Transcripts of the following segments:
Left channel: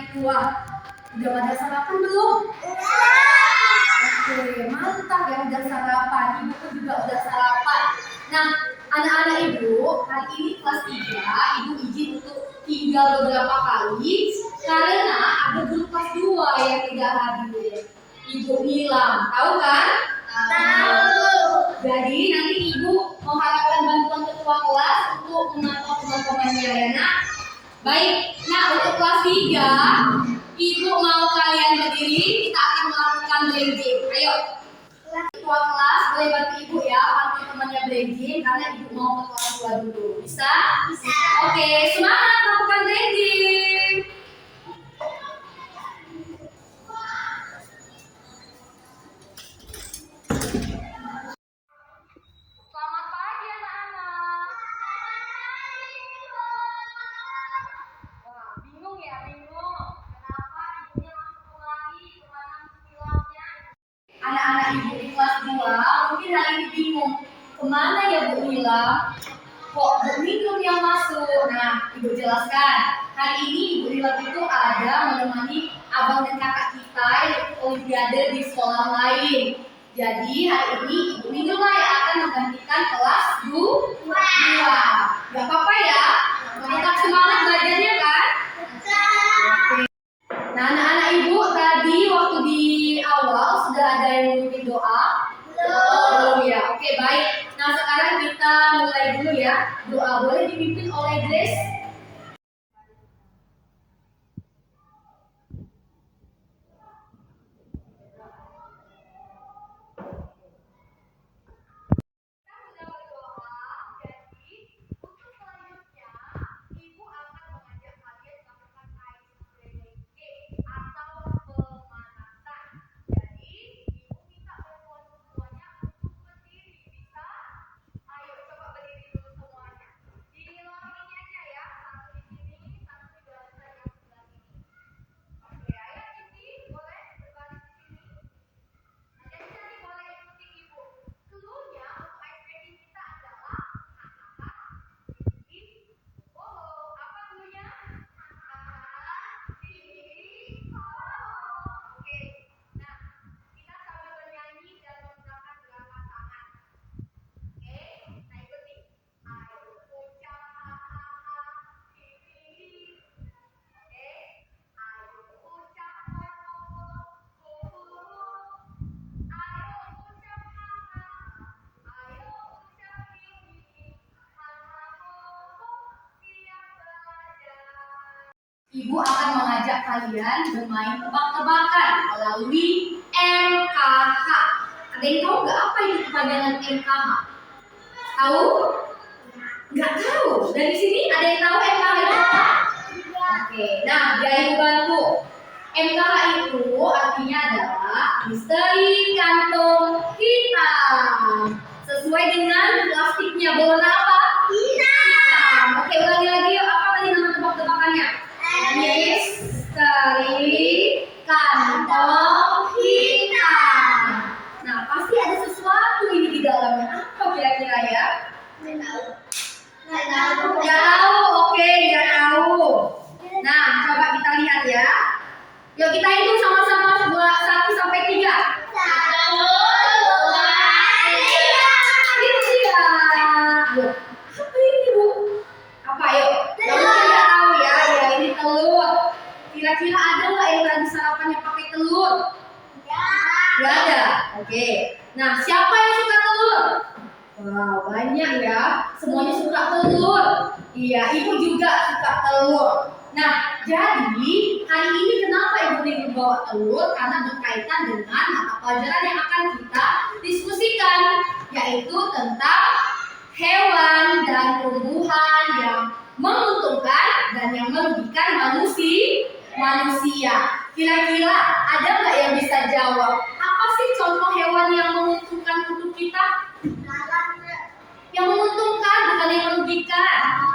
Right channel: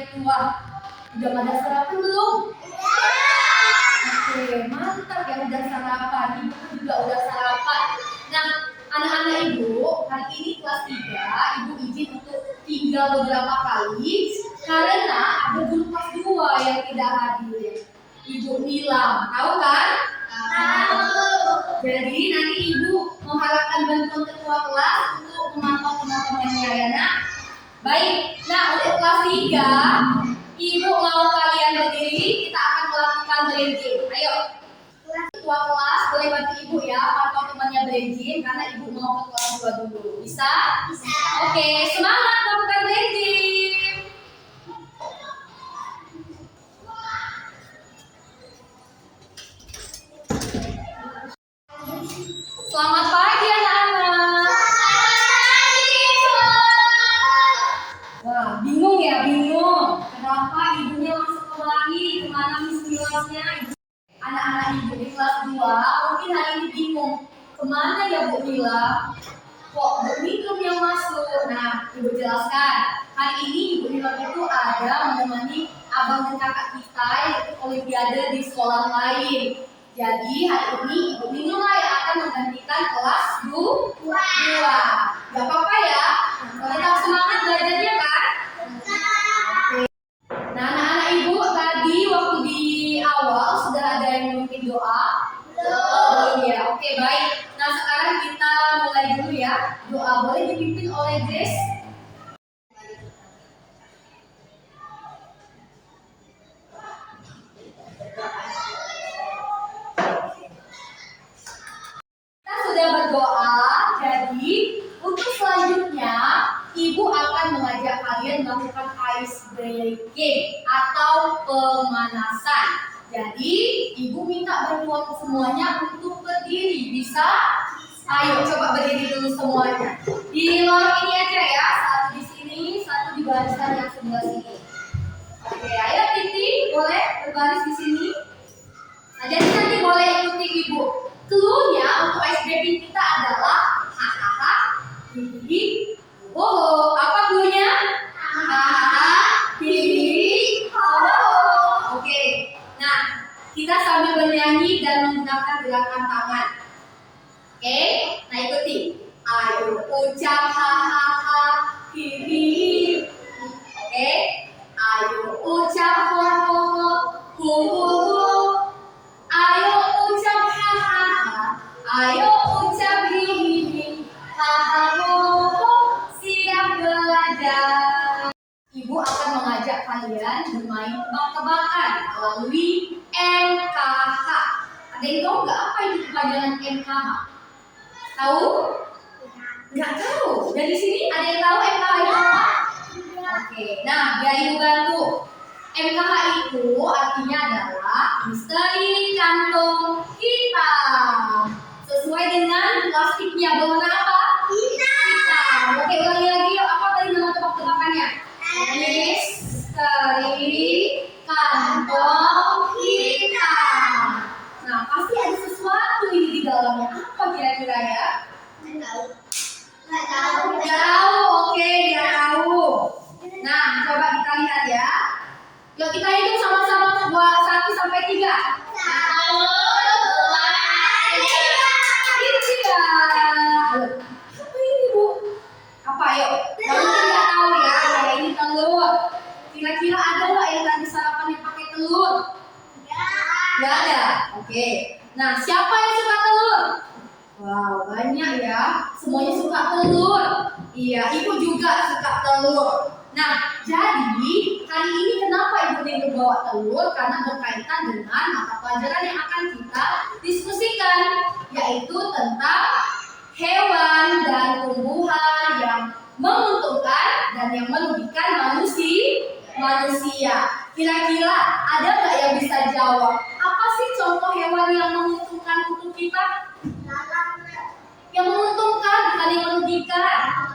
itu? Wah, udah pada sarapan belum? Oke, mantap ya udah sarapan. Ibu pun juga udah sarapan. Nah, anak-anak ibu, hari ini kelas 3, ibu izin untuk tinggal beberapa kali karena ada guru kelas 2 yang tidak hadir. Ibu Nilam, tahu kan? Tahu. Jadi nanti ibu mengharapkan bantuan ketua kelas untuk memantau teman-temannya ya nak. Baik, nah untuk kelas 3, ibu mau kalian berdiri, kita akan melakukan bridging. Ayo, ketua kelas boleh bantu ibu ya, pantau temannya bridging karena ibu mau ke kelas 2 dulu. Bisa? Bisa. Oke, semangat melakukan bridging. Selamat pagi anak-anak. Wah, bingung ya, bingung. Kenapa ibunya masuk kemari, kemana miss-missnya? Anak-anak ibu di kelas 2 mungkin hari ini bingung. Kemana ya Bu Nila? Kok Bu Nila yang masuk? Nah, ibu jelaskan. Hari ini Ibu Nila itu ada menemani abang dan kakak kita yang ikut olimpiade di sekolah lain. Jadi hari ini Ibu Nila yang akan menggantikan kelas 2. Gak apa-apa ya? Tetap semangat belajarnya kan? Nah, anak-anak ibu tadi waktu di awal sudah ada yang memimpin doa? Belum ya? Oke, baik. Nah, sekarang kita mulai dulu ya. Doa boleh dipimpin oleh Grace. Kita sudah berdoa, jadi untuk selanjutnya Ibu akan mengajak kalian melakukan ice breaking atau pemanasan. Jadi Ibu minta bantuan semuanya untuk berdiri. Bisa? Ayo coba berdiri dulu semuanya. Di lorong ini aja ya. Satu di sini, satu di barisan yang sebelah sini. Oke, ayo Titi boleh berbaris di sini. Nah, jadi nanti boleh ikuti Ibu. Cluenya untuk ice breaking kita adalah hahaha, hihi, hoho. Apa cluenya? Hahaha, hihi, hoho. Oke. Nah, kita sambil bernyanyi dan menggunakan gerakan tangan. Oke, nah ikuti. Ayo ucap hahaha, hihi. Oke, ayo ucap hoho, hoho. Ayo ucap hahaha, ayo ucap hihi, hahaha, siap belajar. Ibu akan mengajak kalian bermain tebak-tebakan melalui MKH. Ada yang tahu nggak apa itu kepanjangan MKH? Tahu? Nggak tahu. Dari sini ada yang tahu MKH itu apa? Oke, nah biar ibu bantu. MKH itu artinya adalah misteri kantong hitam. Sesuai dengan plastiknya berwarna apa? Hitam. Oke, ulangi lagi yuk. Apa tadi nama tebak-tebakannya? Misteri kantong hitam. Nah, pasti ada sesuatu ini di dalamnya. Apa kira-kira ya? Nggak tahu. Nggak tahu. Oke, nggak tahu. Nah, coba kita lihat ya. Yuk kita hitung sama-sama 1 sampai 3. 1, 2, 3. Ini ya. Ayo. Apa ini Bu? Apa yuk? Yang mungkin nggak tahu ya. Ya ini telur. Kira-kira ada nggak yang tadi sarapannya pakai telur? Nggak ada. Oke. Nah, siapa yang suka telur? Wow, banyak ya. Semuanya suka telur. Iya, ibu juga suka telur. Nah, jadi hari ini kenapa Ibu Ningru bawa telur? Karena berkaitan dengan mata pelajaran yang akan kita diskusikan, yaitu tentang hewan dan tumbuhan yang menguntungkan dan yang merugikan manusia. Kira-kira ada nggak yang bisa jawab? Apa sih contoh hewan yang menguntungkan untuk kita? Yang menguntungkan, bukan yang merugikan.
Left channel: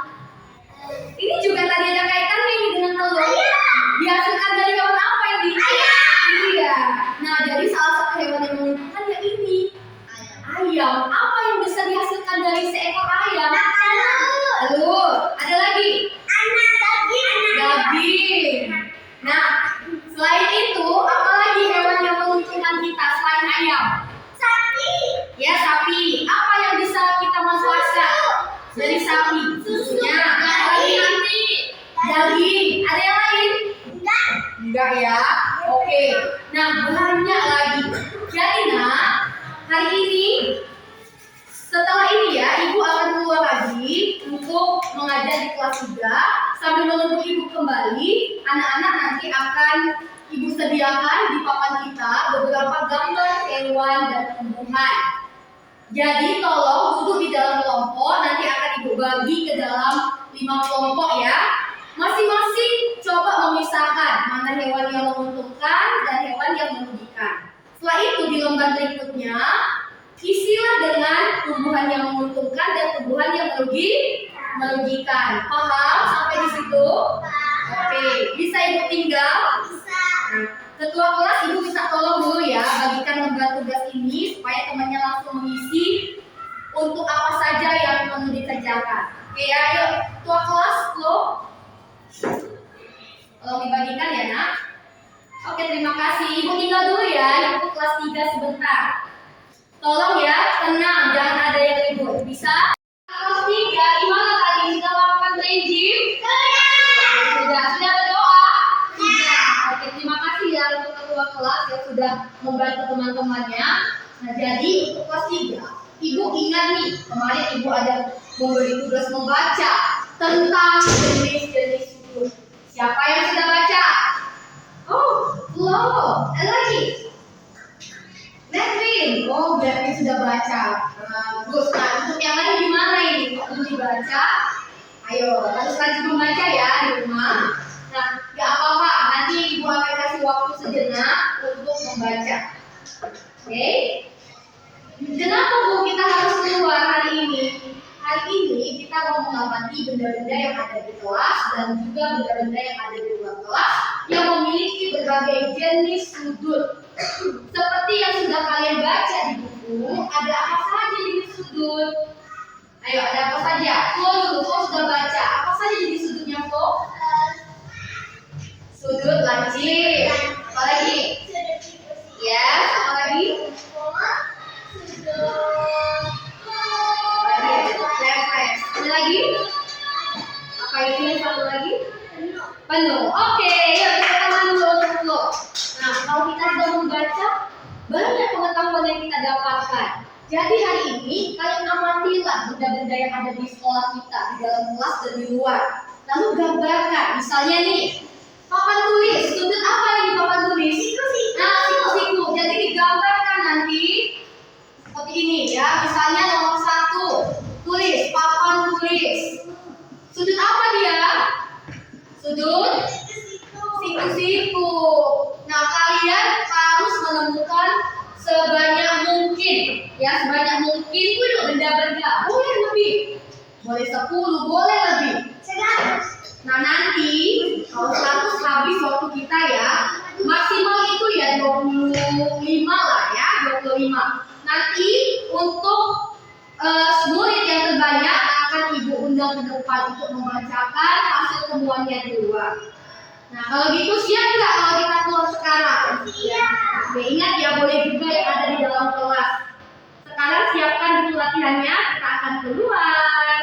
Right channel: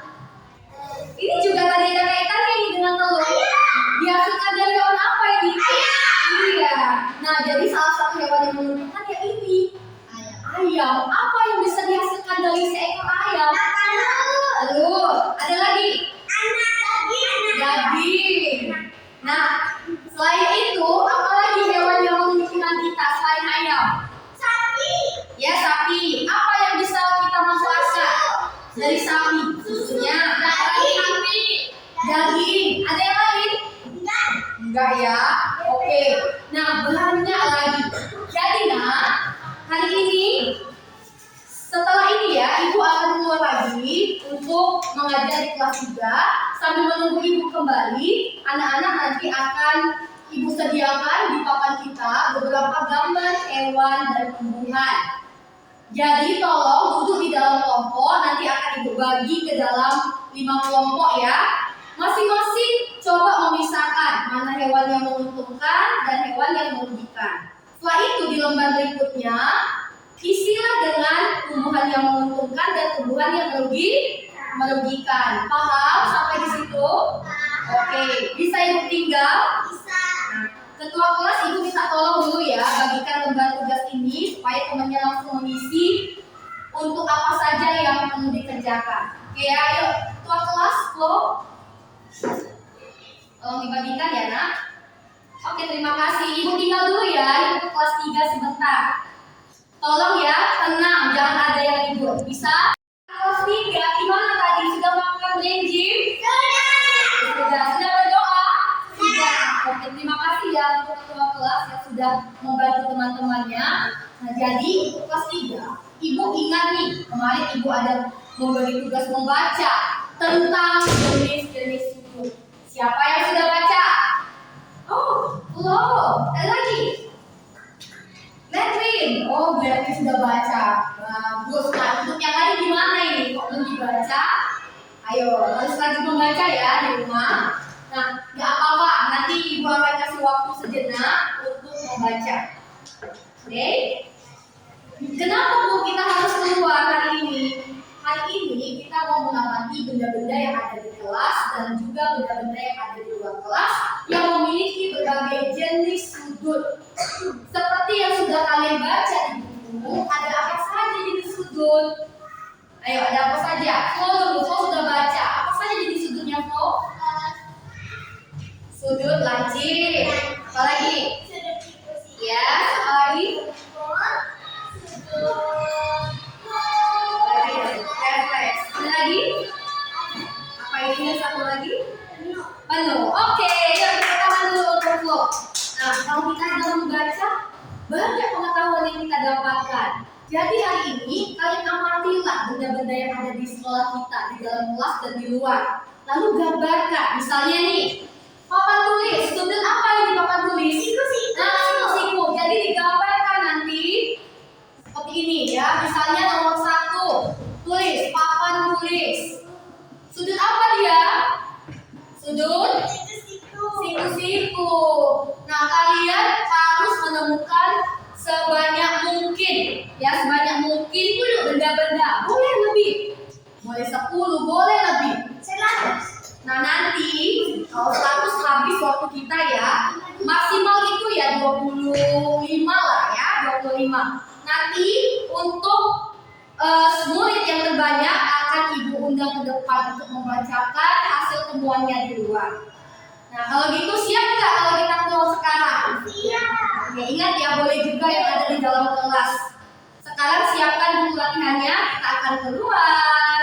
Ini juga tadi ada kaitannya ini dengan telur. Dihasilkan dari hewan apa ini? Iya. Nah, jadi salah satu hewan yang menguntungkan ya ini. Ayam. Apa yang bisa dihasilkan dari seekor ayam? Telur. Ada lagi? Daging. Daging. Nah, Ya, sapi. Apa yang bisa kita manfaatkan dari sapi? Susunya. Daging. Ada yang lain? Enggak ya. Oke. Nah, banyak lagi. Jadi hari ini setelah ini ya, Ibu akan keluar lagi untuk mengajar di kelas 3. Sambil menunggu Ibu kembali, anak-anak nanti akan Ibu sediakan di papan kita beberapa gambar hewan dan tumbuhan. Jadi tolong duduk di dalam kelompok, nanti akan Ibu bagi ke dalam 5 kelompok ya. Masing-masing coba memisahkan mana hewan yang menguntungkan dan hewan yang merugikan. Setelah itu di lembar berikutnya, isilah dengan tumbuhan yang menguntungkan dan tumbuhan yang merugikan. Paham sampai di situ? Oke, bisa Ibu tinggal? Nah, ketua kelas Ibu bisa tolong dulu ya, bagikan lembar tugas ini supaya temannya langsung mengisi untuk apa saja yang perlu dikerjakan. Oke ya, ayo ketua kelas, Flo. Tolong dibagikan ya, Nak. Oke, terima kasih. Ibu tinggal dulu ya, Ibu ke kelas 3 sebentar. Tolong ya, tenang, jangan ada yang ribut. Bisa? Kelas 3, gimana tadi? Sudah melakukan brain gym? Sudah berdoa? Sudah. Oke, terima kasih ya untuk ketua kelas yang sudah membantu teman-temannya. Nah, jadi untuk kelas 3, Ibu ingat nih, kemarin Ibu ada memberi tugas membaca tentang jenis-jenis sudut. Siapa yang sudah baca? Oh, belum. Ada lagi? Netwin. Oh, berarti sudah baca. Bagus. Nah, untuk yang lain gimana ini? Kok belum dibaca? Ayo, harus rajin membaca ya di rumah. Nah, gak apa-apa. Nanti Ibu akan kasih waktu sejenak untuk membaca. Oke? Kenapa Bu kita harus keluar hari ini? Hari ini kita mau mengamati benda-benda yang ada di kelas dan juga benda-benda yang ada di luar kelas yang memiliki berbagai jenis sudut. Seperti yang sudah kalian baca di buku, ada apa saja jenis sudut? Ayo, ada apa saja? Flo dulu, Flo sudah baca. Apa saja jenis sudutnya, Flo? Sudut lancip. Apa lagi? Ya, apa lagi? Ada lagi? Apa ini satu lagi? Penuh. Oke, yuk kita tangan dulu untuk Flo. Nah, kalau kita sudah membaca, banyak pengetahuan yang kita dapatkan. Jadi hari ini kalian amatilah benda-benda yang ada di sekolah kita, di dalam kelas dan di luar. Lalu gambarkan, misalnya nih, papan tulis. Sudut apa yang di papan tulis? Nah, siku-siku. Jadi digambarkan nanti seperti ini ya. Misalnya nomor 1, tulis papan tulis. Sudut apa dia? Sudut siku-siku. Nah, kalian harus menemukan sebanyak mungkin benda-benda. Boleh lebih, boleh 10, boleh lebih. Nah, nanti kalau 100 habis waktu kita ya, maksimal itu ya 25 lah ya, 25. Nanti untuk murid yang terbanyak akan Ibu undang ke depan untuk membacakan hasil temuannya di luar. Nah, kalau gitu siap nggak kalau kita keluar sekarang? Siap. Oke, ingat ya, boleh juga yang ada di dalam kelas. Sekarang siapkan dulu latihannya, kita akan keluar.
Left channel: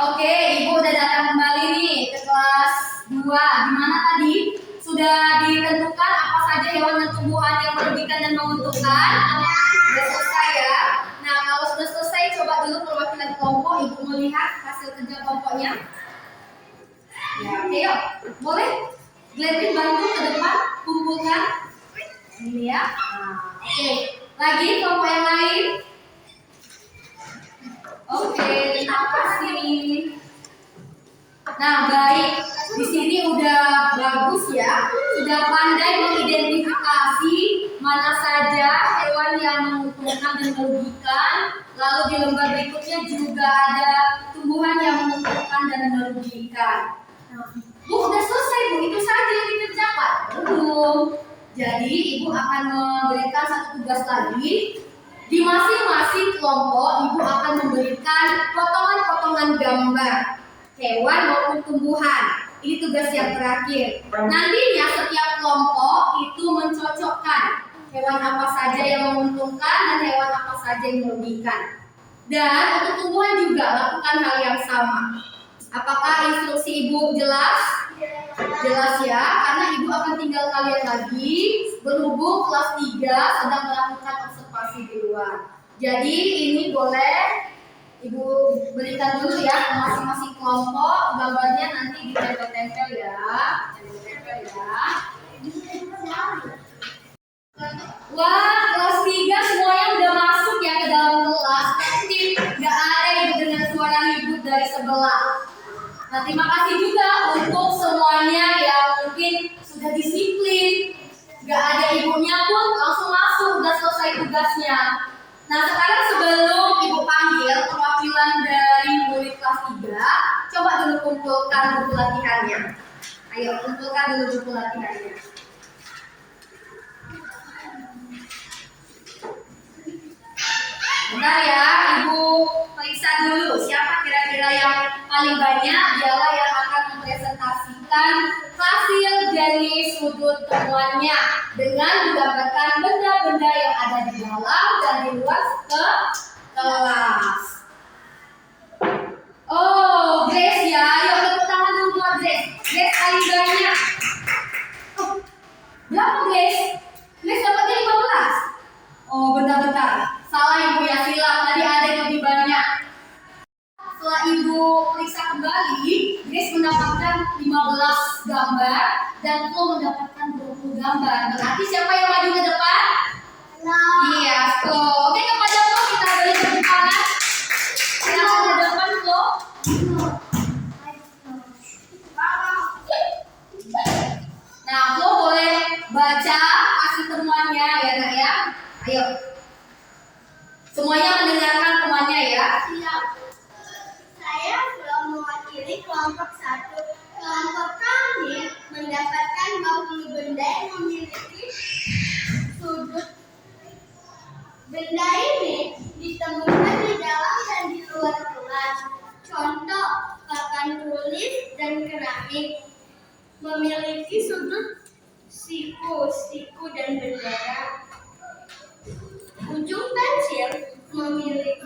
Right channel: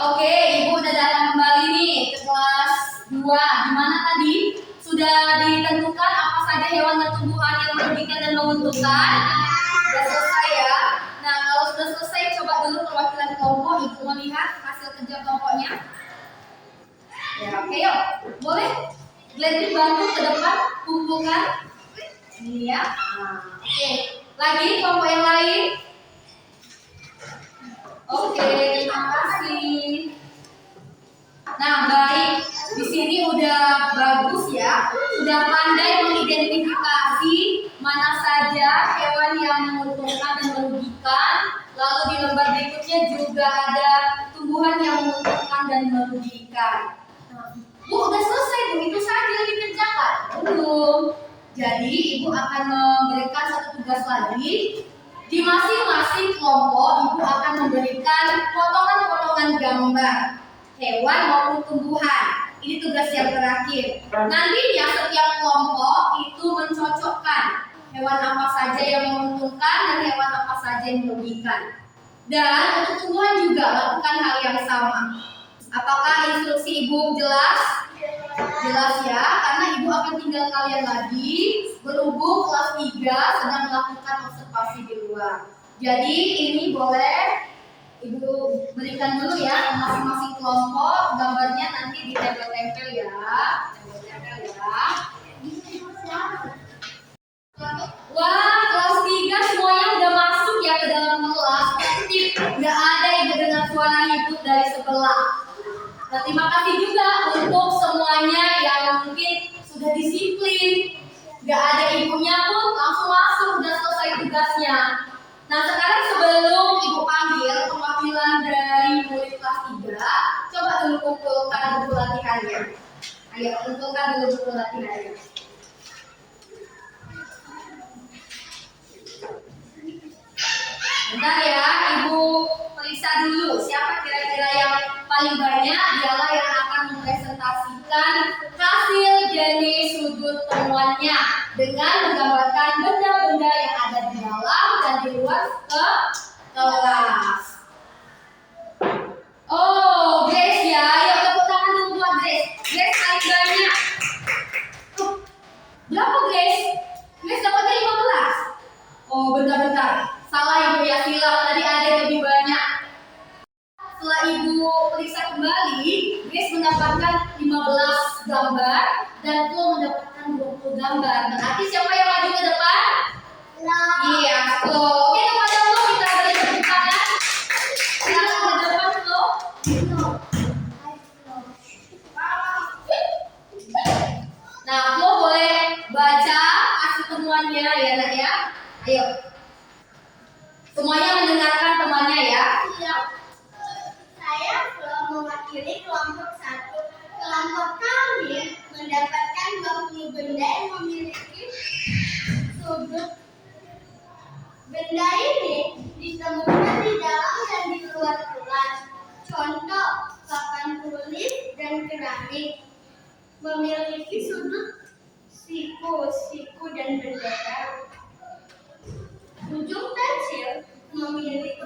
Oke, Ibu udah datang kembali nih ke kelas 2. Gimana tadi? Sudah ditentukan apa saja hewan dan tumbuhan yang merugikan dan menguntungkan? Sudah selesai ya. Nah, kalau sudah selesai, coba dulu perwakilan kelompok Ibu melihat hasil kerja kelompoknya. Ya, oke yuk. Boleh? Glenn bantu ke depan, kumpulkan. Ini ya. Nah, oke. Lagi kelompok yang lain. Oke, terima kasih. Nah, baik. Di sini udah bagus ya. Sudah pandai mengidentifikasi mana saja hewan yang menguntungkan dan merugikan. Lalu Lalu di lembar berikutnya juga ada tumbuhan yang menguntungkan dan merugikan. Bu, udah selesai Bu, itu saja yang dikerjakan. Belum. Jadi Ibu akan memberikan satu tugas lagi. Di masing-masing kelompok Ibu akan memberikan potongan-potongan gambar hewan maupun tumbuhan. Ini tugas yang terakhir. Nantinya setiap kelompok itu mencocokkan hewan apa saja yang menguntungkan dan hewan apa saja yang merugikan. Dan untuk tumbuhan juga lakukan hal yang sama. Apakah instruksi Ibu jelas? Jelas ya, karena Ibu akan tinggal kalian lagi berhubung kelas 3 sedang melakukan observasi di luar. Jadi ini boleh Ibu berikan dulu ya ke masing-masing kelompok, gambarnya nanti ditempel-tempel ya. Tempel-tempel ya. Wah, kelas 3 semuanya udah masuk ya ke dalam kelas. Aktif, nggak ada Ibu dengan suara ribut dari sebelah. Nah, terima kasih juga untuk semuanya yang mungkin sudah disiplin. Gak ada ibunya pun langsung masuk, udah selesai tugasnya. Nah, sekarang sebelum Ibu panggil perwakilan dari murid kelas 3, coba dulu kumpulkan buku latihannya. Ayo, kumpulkan dulu buku latihannya. Bentar ya, Ibu periksa dulu siapa kira-kira yang paling banyak. Dialah yang akan mempresentasikan hasil jenis sudut temuannya dengan menggambarkan benda-benda yang ada di dalam dan di luar kelas. Oh, Grace ya, ayo tepuk tangan dulu buat Grace. Grace paling banyak. Oh, berapa Grace? Grace dapatnya 15. Oh, bentar-bentar. Salah Ibu ya, silap. Tadi ada yang lebih banyak. Setelah Ibu periksa kembali, Grace mendapatkan 15 gambar dan Flo mendapatkan 20 gambar. Berarti siapa yang maju ke depan? Iya, Flo. Oke, kepada Flo kita beri tepuk tangan. Siapa ke depan, Flo? Nah, Flo boleh baca hasil temuannya ya, Nak ya. Ayo. Semuanya mendengarkan temannya ya. Siap. Saya belum mewakili kelompok 1. Kelompok kami mendapatkan 20 benda yang memiliki sudut. Benda ini ditemukan di dalam dan di luar kelas. Contoh, papan tulis dan keramik memiliki sudut siku dan bendera. Ujung pensil memiliki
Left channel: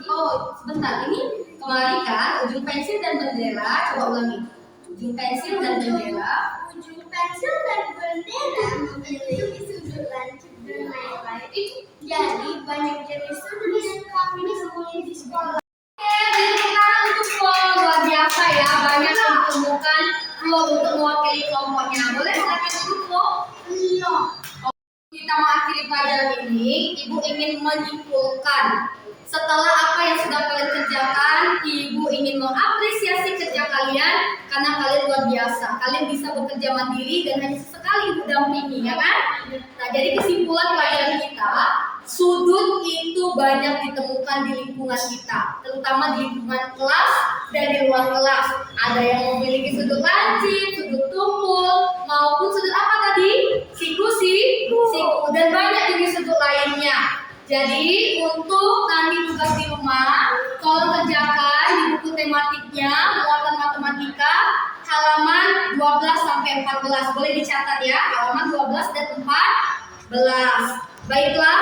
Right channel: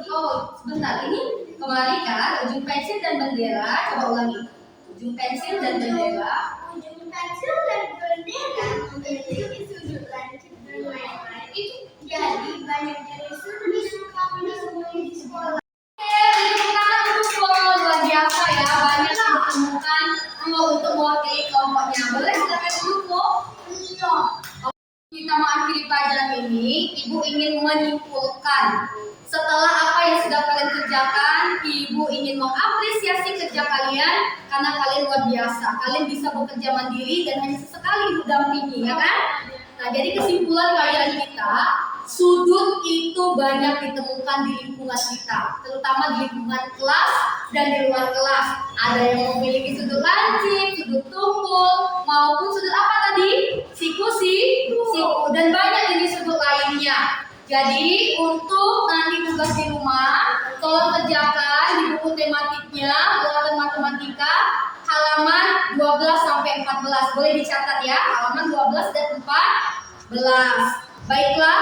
Sebentar, ini kemarin kan ujung pensil dan bendera. Coba ulangi. Ujung pensil dan bendera. Ujung pensil dan bendera memiliki sudut lancip dan lain-lain. Jadi banyak jenis sudut yang kami temui di sekolah. Oke, beri tepuk tangan untuk Flo. Luar biasa ya, banyak yang ditemukan Flo untuk mewakili kelompoknya. Boleh silakan dulu Flo. Iya. Kita mengakhiri pelajaran ini, Ibu ingin menyimpulkan setelah apa yang sudah kalian kerjakan, Ibu ingin mengapresiasi kerja kalian karena kalian luar biasa. Kalian bisa bekerja mandiri dan hanya sesekali Ibu dampingi, ya kan? Nah, jadi kesimpulan pelajaran kita, sudut itu banyak ditemukan di lingkungan kita, terutama di lingkungan kelas dan di luar kelas. Ada yang memiliki sudut lancip, sudut tumpul, maupun sudut apa tadi? Siku, dan banyak jenis sudut lainnya. Jadi untuk nanti tugas di rumah, tolong kerjakan di buku tematiknya muatan matematika halaman 12 sampai 14. Boleh dicatat ya, halaman 12 dan 14. Baiklah,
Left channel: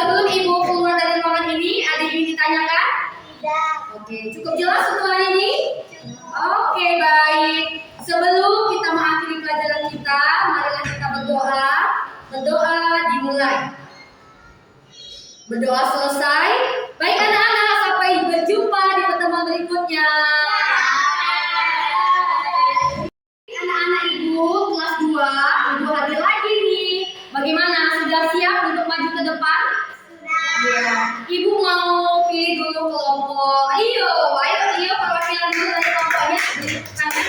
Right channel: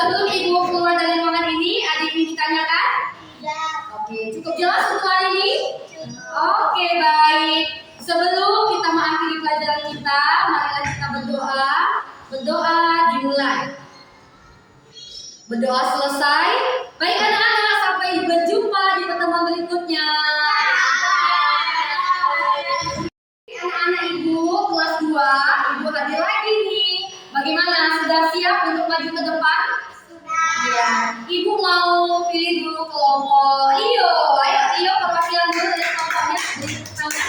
sebelum Ibu keluar dari ruangan ini, ada yang ingin ditanyakan? Tidak. Oke, cukup jelas untuk hari ini? Oke, baik. Sebelum kita mengakhiri pelajaran kita, marilah kita berdoa. Berdoa dimulai. Berdoa selesai. Baik anak-anak, sampai berjumpa di pertemuan berikutnya. Anak-anak Ibu kelas 2, Ibu hadir lagi nih. Bagaimana? Sudah siap untuk maju ke depan? Sudah. Iya. Ibu mau pilih dulu kelompok. Ayo perwakilan dulu dari kelompoknya. Tangan.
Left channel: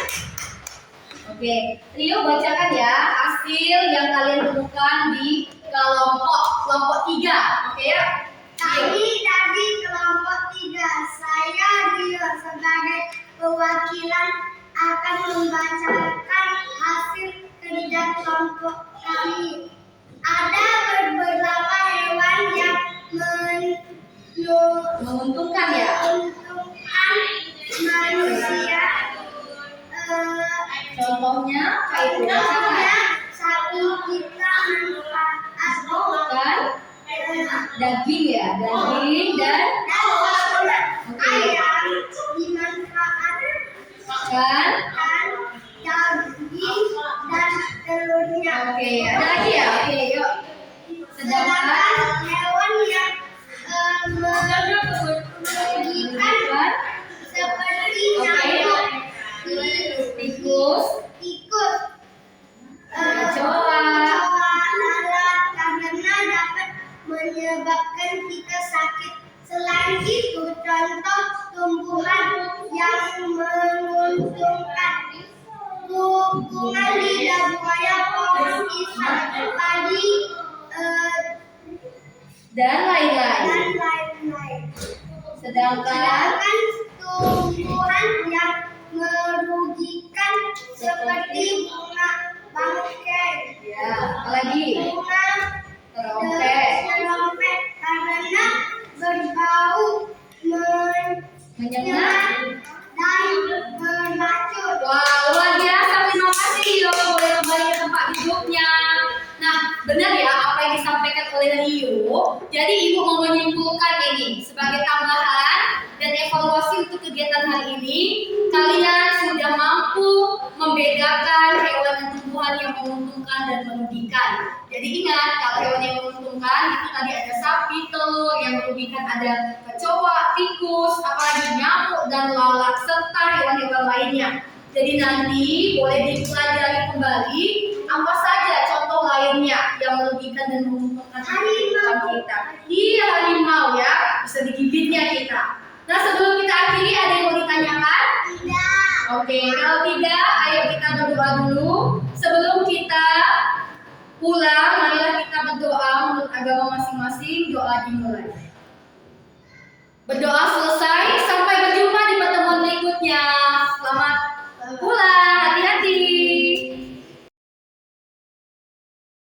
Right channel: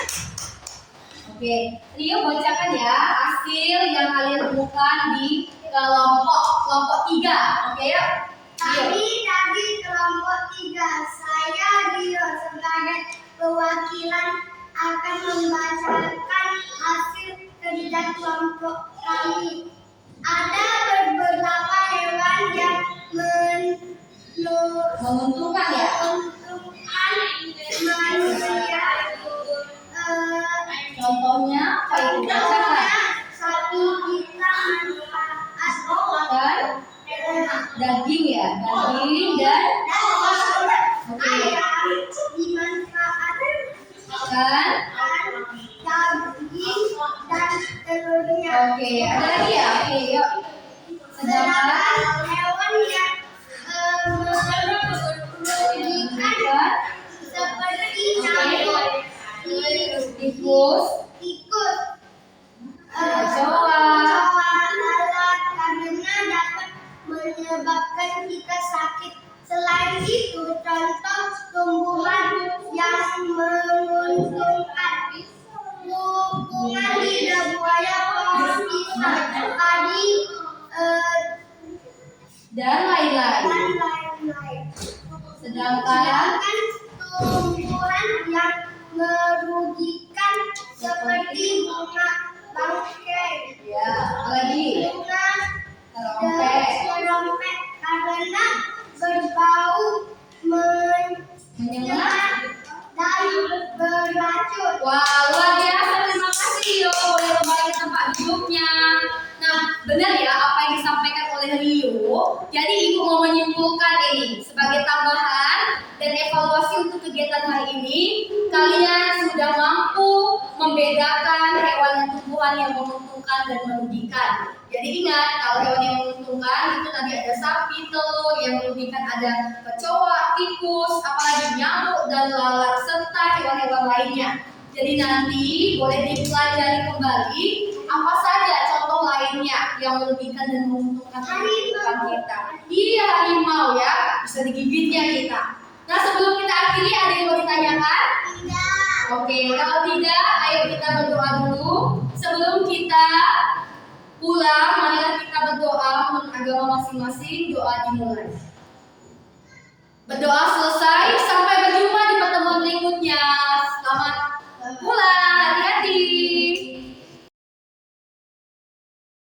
Oke, Rio bacakan ya hasil yang kalian temukan di kelompok 3. Oke ya? Tadi kelompok perwakilan akan membacakan hasil kerja kelompok kami. Ada beberapa hewan yang Menguntungkan ya. menguntungkan manusia. Contohnya apa itu? Contohnya sapi kita manfaat Kan daging ya, daging dan ayam dimanfaatkan kan. daging dan telurnya. Oke, ada lagi ya. Oke, yuk. Sedangkan Hewan yang merugikan kan seperti nyamuk, tikus, tikus, kecoa, lalat karena dapat menyebabkan kita sakit. Selain itu, contoh tumbuhan yang menguntungkan bunga lidah buaya, pohon pisang, padi, dan lain-lain. dan lain-lain. Sedangkan Sedangkan tumbuhan yang merugikan seperti bunga bangkai, ya, apalagi bunga terompet, serompet karena berbau menyengat. dan beracun. Wah, luar biasa. Terima kasih Rio. Boleh kembali ke tempat duduknya. Nah, benar ya apa yang disampaikan oleh Rio. Jadi Ibu mau menyimpulkan ini sebagai tambahan dan evaluasi untuk kegiatan hari ini. Kalian sudah mampu membedakan hewan dan tumbuhan yang menguntungkan dan merugikan. Jadi ingat, kalau hewan yang menguntungkan itu tadi ada sapi, telur, yang merugikan ada kecoa, tikus, apalagi nyamuk dan lalat serta hewan-hewan lainnya. Jadi nanti boleh dipelajari kembali apa saja contoh lainnya yang merugikan dan menguntungkan kehidupan kita. Iya, harimau ya, bisa digigitnya kita. Nah, sebelum kita akhiri ada yang mau ditanyakan? Tidak. Oke, kalau tidak, ayo kita berdoa dulu. Sebelum kita pulang, marilah kita berdoa menurut agama masing-masing. Doa dimulai. Berdoa selesai,